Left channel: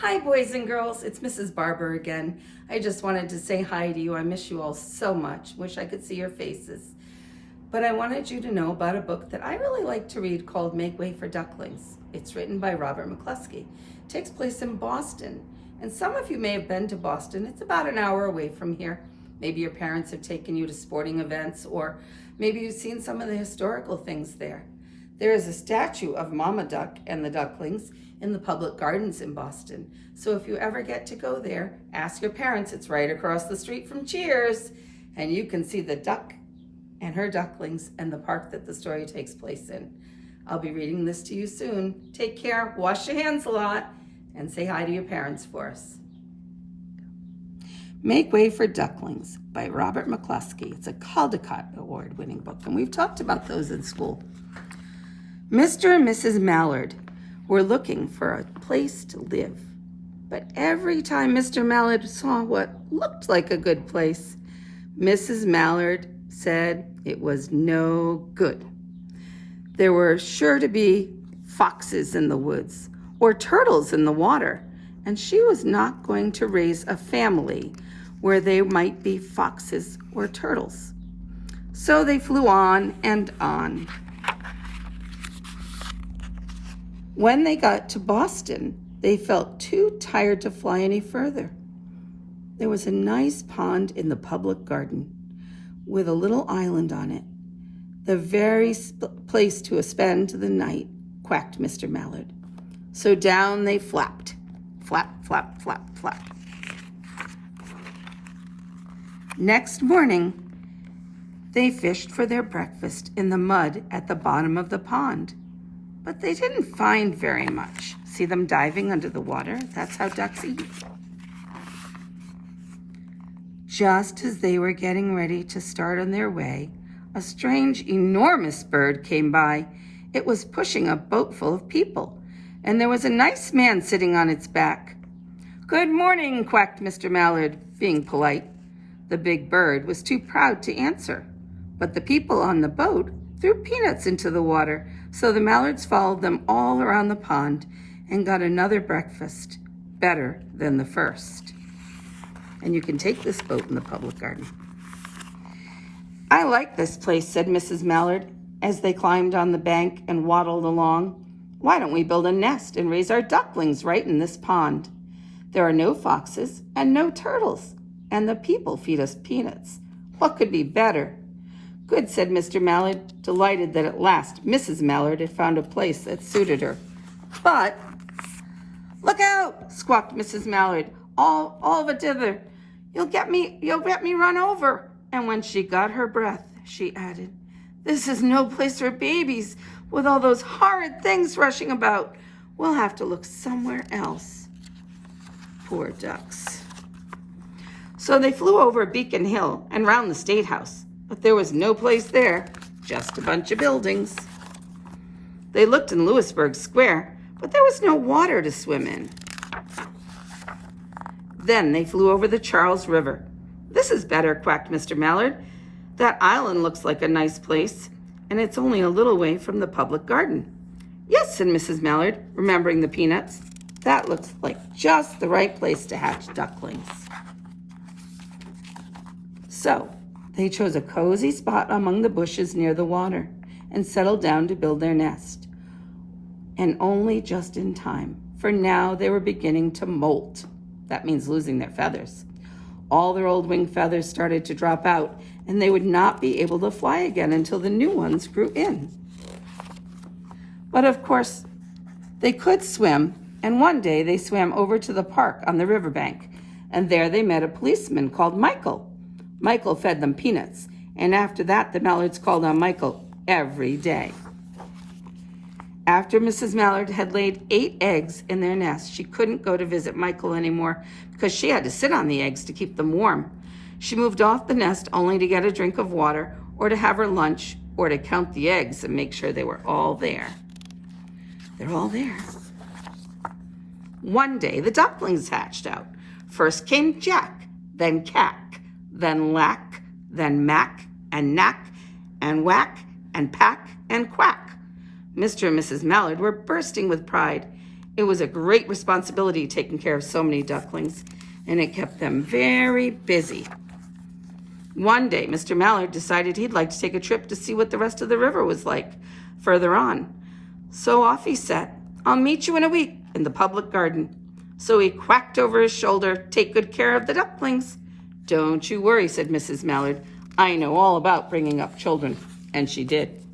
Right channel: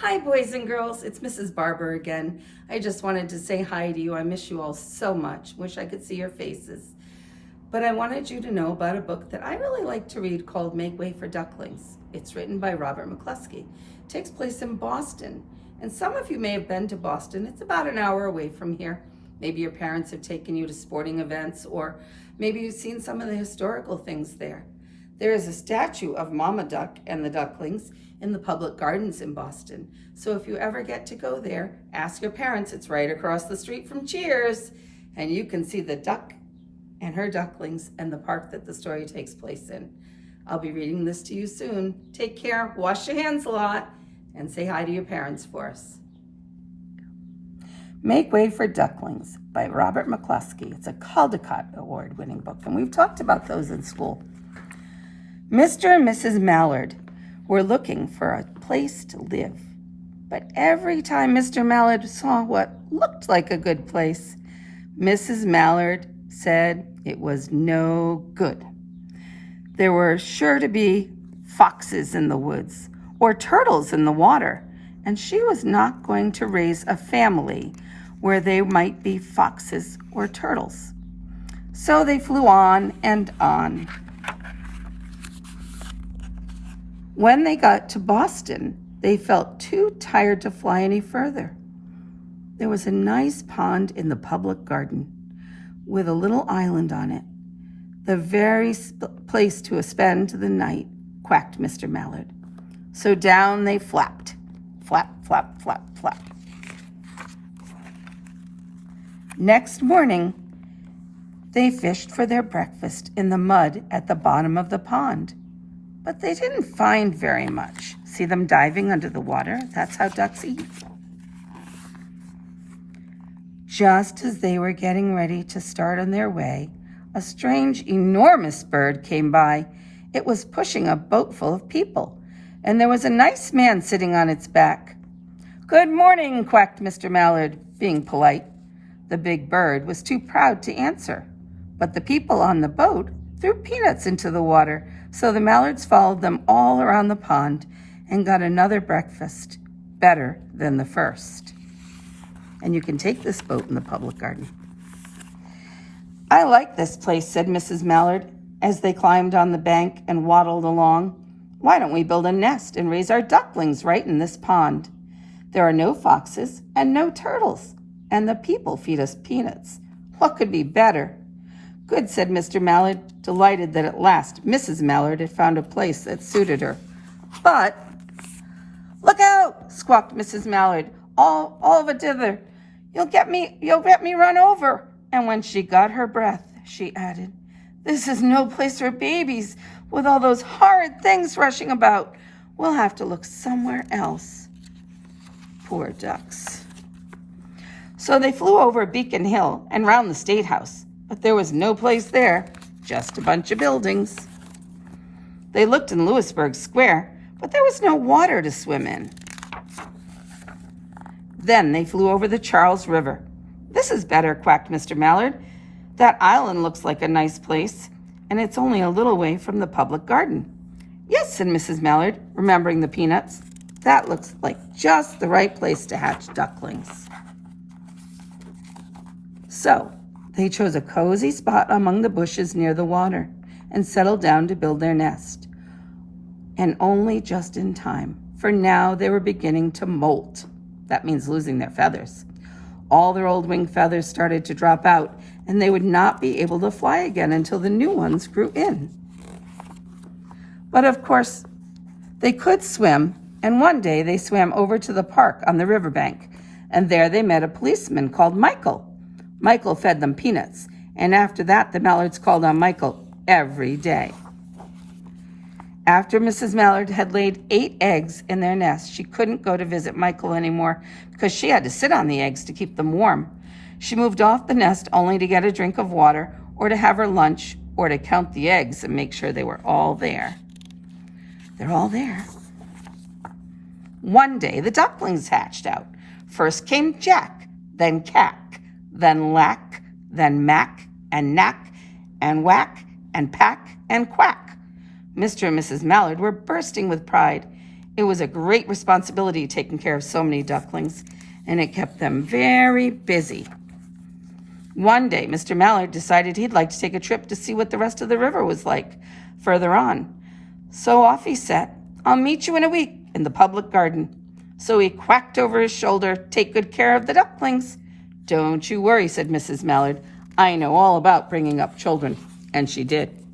Hi, boys and girls. It's Mrs. Barber again. I just wanted to say hi to you. I miss you all so much. Wish I could see your faces. But I wanted you to know about a book that I really like to read called Make Way for Ducklings. It's written by Robert McCloskey. It takes place in Boston. And some of you may have been to Boston. It's about an hour away from here. Maybe your parents have taken you to sporting events, or maybe you've seen some of the historical things there. There is a statue of Mama Duck and the Ducklings in the public gardens in Boston. So if you ever get to go there, ask your parents. It's right across the street from Cheers, and you can see the duck and her ducklings and the park that the story takes place in. I'll be reading this to you soon. Take care, wash your hands a lot, and say hi to your parents for us. Make Way for Ducklings by Robert McCloskey. It's a Caldecott Award-winning book, and we've talked about those in school. Mr. and Mrs. Mallard were looking for a place to live. But every time Mr. Mallard saw what looked like a good place, Mrs. Mallard said it was no good. There were sure to be foxes in the woods or turtles in the water, and she was not going to raise a family where there might be foxes or turtles. So they flew on and on. When they got to Boston, they felt too tired to fly any further. There was a nice pond in the public garden with a little island on it. The very place to spend the night, quacked Mr. Mallard. So down they flapped. Flap, flap, flap, flap. Next morning, they fished for their breakfast in the mud at the bottom of the pond. But they didn't find very much. See them diving under the water? That's how ducks eat. Just as they were getting ready to start on their way, a strange, enormous bird came by. It was pushing a boat full of people, and there was a nice man sitting on its back. "Good morning," quacked Mr. Mallard, being polite. The big bird was too proud to answer, but the people on the boat threw peanuts into the water, so the Mallards followed them all around the pond and got another breakfast, better than the first. And you can take this boat in the public garden. "I like this place," said Mrs. Mallard, as they climbed on the bank and waddled along. "Why don't we build a nest and raise our ducklings right in this pond? There are no foxes and no turtles, and the people feed us peanuts. What could be better?" "Good," said Mr. Mallard, delighted that at last Mrs. Mallard had found a place that suited her. "But—" "Look out!" squawked Mrs. Mallard. All of a dither. You'll get me run over." And when she got her breath, she added, "This is no place for babies with all those horrid things rushing about. We'll have to look somewhere else." Poor ducks. So they flew over Beacon Hill and round the State House. But there was no place there, just a bunch of buildings. They looked in Louisburg Square, but there was no water to swim in. Then they flew over the Charles River. "This is better," quacked Mr. Mallard. "That island looks like a nice place, and it's only a little way from the public garden." "Yes," said Mrs. Mallard, remembering the peanuts. "That looks like just the right place to hatch ducklings." So they chose a cozy spot among the bushes near the water and settled down to build their nest. And only just in time, for now they were beginning to molt. That means losing their feathers. All their old wing feathers started to drop out, and they would not be able to fly again until the new ones grew in. But of course, they could swim, and one day they swam over to the park on the riverbank, and there they met a policeman called Michael. Michael fed them peanuts, and after that, the Mallards called on Michael every day. After Mrs. Mallard had laid 8 eggs in their nest, she couldn't go to visit Michael anymore because she had to sit on the eggs to keep them warm. She moved off the nest only to get a drink of water or to have her lunch or to count the eggs and make sure they were all there. They're all there. One day, the ducklings hatched out. First came Jack, then Cack, then Lack, then Mack, and Knack, and Whack, and Pack, and Quack. Mr. and Mrs. Mallard were bursting with pride. It was a great responsibility taking care of so many ducklings, and it kept them very busy. One day, Mr. Mallard decided he'd like to take a trip to see what the rest of the river was like further on. So off he set. "I'll meet you in a week in the public garden." So he quacked over his shoulder, "Take good care of the ducklings." "Don't you worry," said Mrs. Mallard. "I know all about bringing up children." And she did.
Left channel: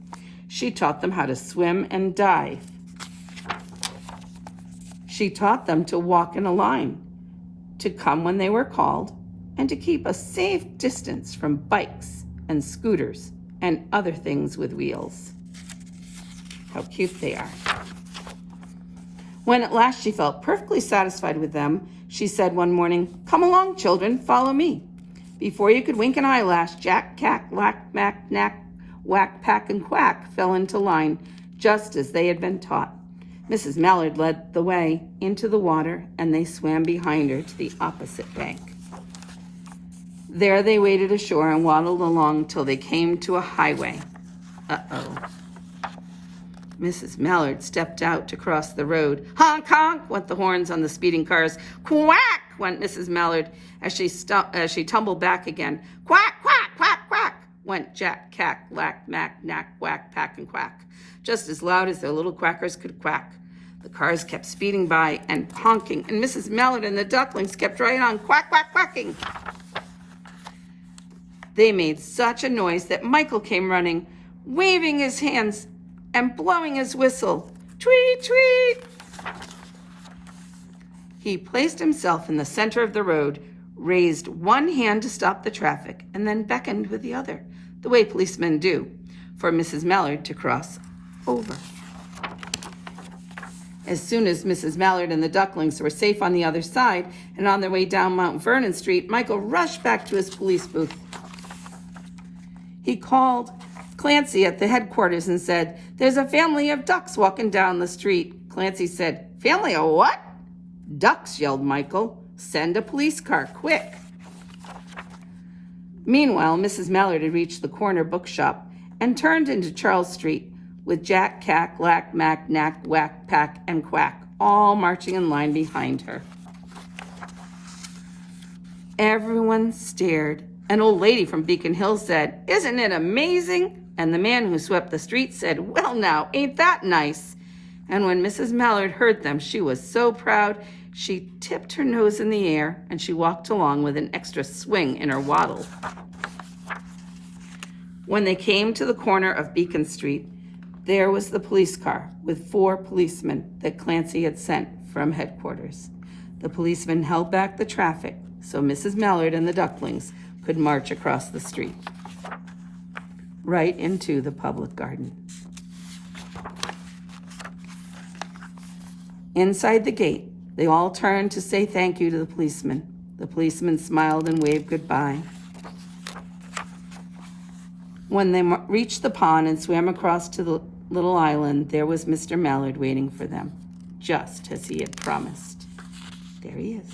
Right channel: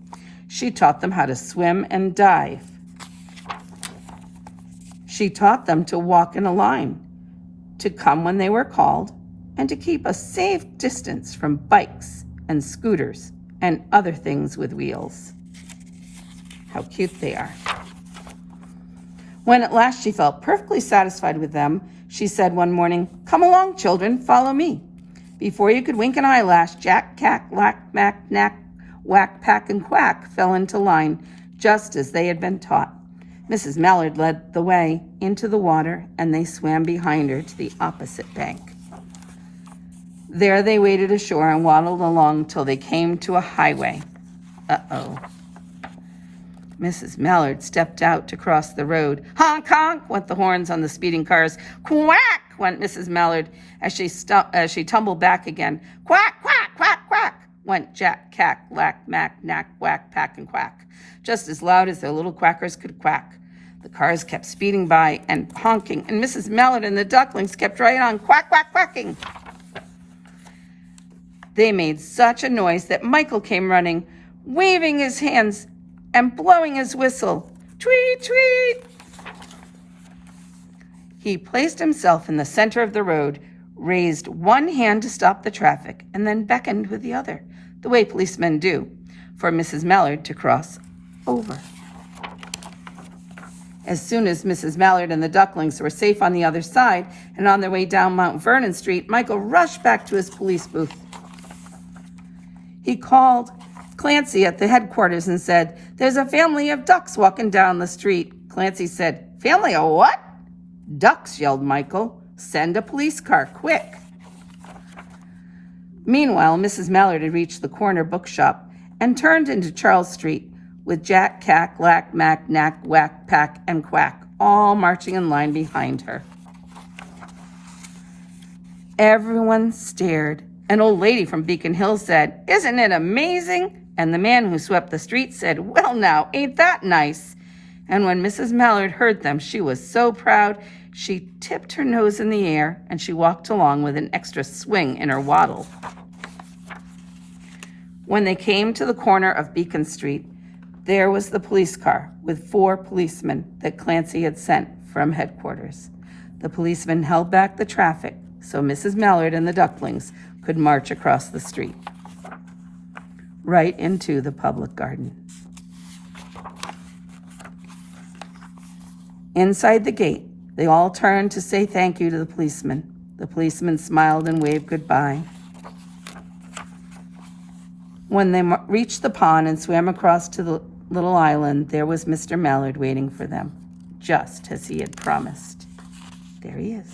She taught them how to swim and dive. She taught them to walk in a line, to come when they were called, and to keep a safe distance from bikes and scooters and other things with wheels. How cute they are. When at last she felt perfectly satisfied with them, she said one morning, "Come along, children, follow me." Before you could wink an eyelash, Jack, Cack, Lack, Mack, Knack, Whack, Pack, and Quack fell into line, just as they had been taught. Mrs. Mallard led the way into the water, and they swam behind her to the opposite bank. There they waded ashore and waddled along till they came to a highway. Uh-oh. Mrs. Mallard stepped out to cross the road. Honk, honk, went the horns on the speeding cars. Quack, went Mrs. Mallard as she tumbled back again. Quack, quack, quack, quack, went Jack, Cack, Lack, Mack, Knack, Whack, Pack, and Quack, just as loud as their little quackers could quack. The cars kept speeding by and honking, and Mrs. Mallard and the ducklings kept right on quack, quack, quacking. They made such a noise that Michael came running, waving his hands and blowing his whistle. Tweet, tweet! He placed himself in the center of the road, raised one hand to stop the traffic, and then beckoned with the other, the way policemen do, for Mrs. Mallard to cross over. As soon as Mrs. Mallard and the ducklings were safe on the other side and on their way down Mount Vernon Street, Michael rushed back to his police booth. He called Clancy at the headquarters and said, "There's a family of ducks walking down the street." Clancy said, "Family of what?" "Ducks," yelled Michael. "Send a police car, quick." Meanwhile, Mrs. Mallard had reached the corner bookshop and turned into Charles Street with Jack, Cack, Lack, Mack, Knack, Whack, Pack, and Quack all marching in line behind her. Everyone stared. An old lady from Beacon Hill said, "Isn't it amazing?" And the man who swept the street said, "Well now, ain't that nice?" And when Mrs. Mallard heard them, she was so proud, she tipped her nose in the air and she walked along with an extra swing in her waddle. When they came to the corner of Beacon Street, there was the police car with 4 policemen that Clancy had sent from headquarters. The policemen held back the traffic so Mrs. Mallard and the ducklings could march across the street, right into the public garden. Inside the gate, they all turned to say thank you to the policeman. The policeman smiled and waved goodbye. When they reached the pond and swam across to the little island, there was Mr. Mallard waiting for them, just as he had promised. There he is.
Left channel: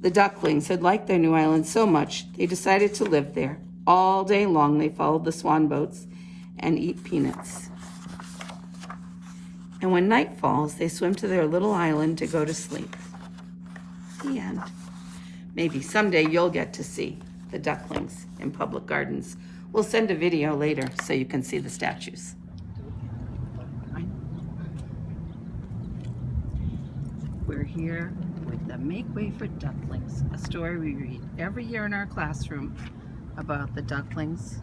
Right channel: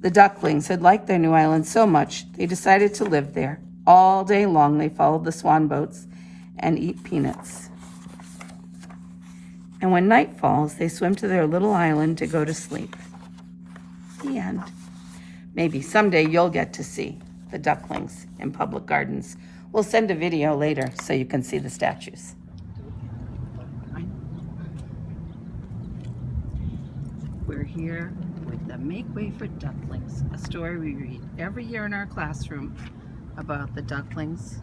The ducklings had liked their new island so much, they decided to live there. All day long, they followed the swan boats and eat peanuts. And when night falls, they swim to their little island to go to sleep. The end. Maybe someday you'll get to see the ducklings in public gardens. We'll send a video later so you can see the statues. We're here with the Make Way for Ducklings, a story we read every year in our classroom about the ducklings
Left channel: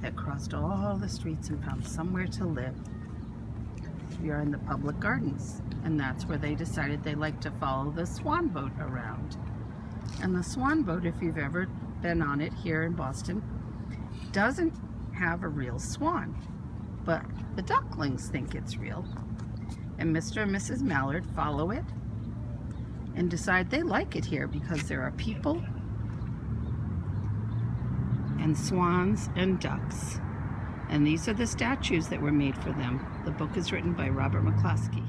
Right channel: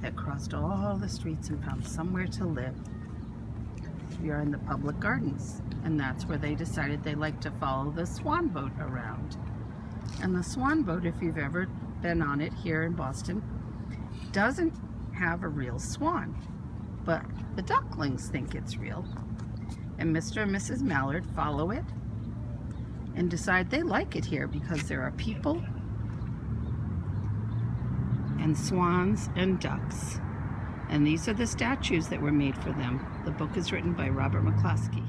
that crossed all the streets and found somewhere to live. We are in the public gardens, and that's where they decided they like to follow the swan boat around. And the swan boat, if you've ever been on it here in Boston, doesn't have a real swan, but the ducklings think it's real. And Mr. and Mrs. Mallard follow it and decide they like it here because there are people and swans and ducks. And these are the statues that were made for them. The book is written by Robert McCloskey.